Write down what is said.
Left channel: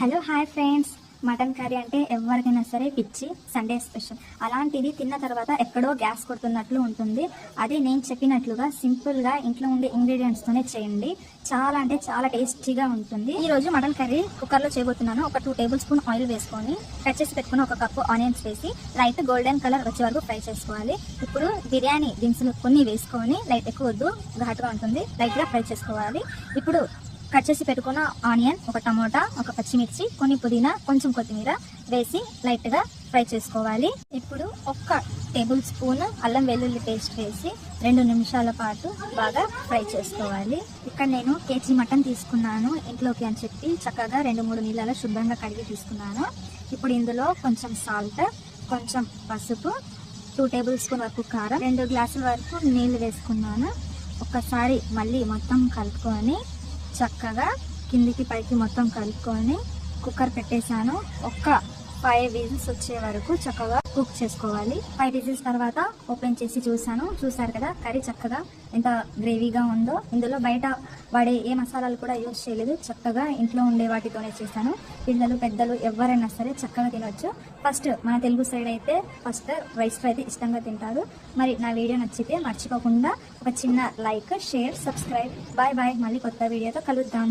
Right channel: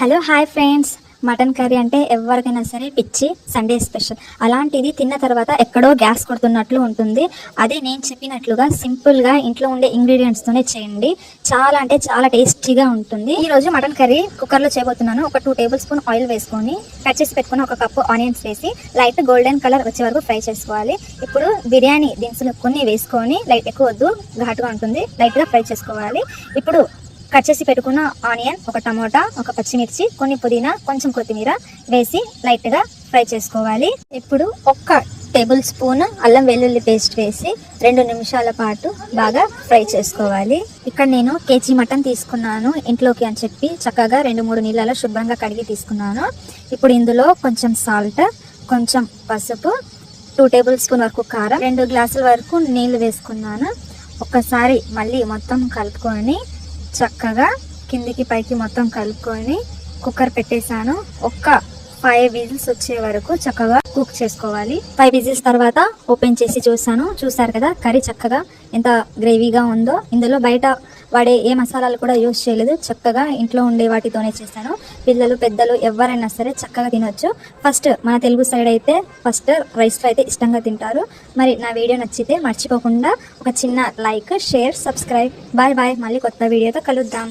Hello hi friends, mutton curry అంటే ఎవరికైనా సరే పిచ్చి. Sunday special. అలాంటిది తిన్న తర్వాత ఎక్కడో గ్యాస్ కొడుతున్నట్లు ఉంటుంది. అదే నేను చెప్పినట్లుగా సింపుల్గా ఇంట్లో ఉండే ఇంగ్రీడియంట్స్తోనే చేయండి. చాలా అంటే చాలా టేస్టీగా ఉంటుంది. ఈరోజు మటన్ కర్రీ కుక్కర్లో చేయబోతున్నాను. ఒక 2 టేబుల్ స్పూన్ ఆయిల్ వేసుకొని కట్ చేసి పెట్టుకుని ఒక కప్పు ఆనియన్స్ వేసి లైట్ గోల్డెన్ కలర్ వచ్చే వరకు ఫ్రై చేసుకోవాలి. ఇప్పుడు బిర్యానీ దినుసులు కొన్ని వేసుకొని, లైట్ ఎక్కువ వద్దు, ఘాటుగా ఉంటుంది, లైట్గా ఫ్రై చేసుకోవాలి. ఇప్పుడు కట్ చేసి పెట్టుకున్న ఆనియన్, ఒక టమోటా, ఒక పచ్చిమిర్చి, కొన్ని పుదీనా, కొంచెం కొత్తిమీర వేసి లైట్గా ఫ్రై చేసుకోవాలి. ఇప్పుడు 1 టేబుల్ స్పూన్ అల్లం వెల్లుల్లి పేస్ట్ వేసి 2 నిమిషాల పాటు బాగా ఫ్రై చేసుకోవాలి. ఇక్కడ నేను కేజీ మటన్ తీసుకున్నాను ఇంట్లోకి అని చెప్పి చక్కగా 2-3 నీళ్ళలో శుభ్రంగా కడిగి తీసుకున్నాను. ఇప్పుడు ఇందులో కొంచెం సాల్ట్, కొంచెం పసుపు, 2 టేబుల్ స్పూన్ వరకు కారం, 2 గ్లాసుల వరకు నీళ్లు వేసుకున్నాను. ఒక్కసారి మళ్ళీ మొత్తం కలుపుకొని చక్కగా కిందికి పైకి మొత్తం కలుపుకొని కుక్కర్ పెట్టేశాను. 5 విజిల్స్ వచ్చే వరకు చక్కగా కుక్ చేసుకోవాలి. 5 విజిల్స్ తర్వాత ఓపెన్ చేసి చూసారు కదా కర్రీ చక్కగా ఎంత గ్రేవీగా ఉందో. ఇందులో బయట వాడే ఏ మసాలాలు కూడా యూజ్ చేయలేదు, చక్కగా ఇంట్లో ఉండే వాటితోనే చేశాను. పిల్లలు పెద్దలు ఎవరైనా సరే చక్కగా తినొచ్చు. ఫస్ట్ మన తెలుగు సైడ్ అయితే ఫస్ట్ రైస్లో అయితే ఇష్టంగా తింటారు. మరి నా వీడియో నచ్చితే మర్చిపోకుండా ఒక చిన్న like, share, subscribe. Bye bye. మళ్ళీ కొత్త వీడియోతో కలుద్దాం.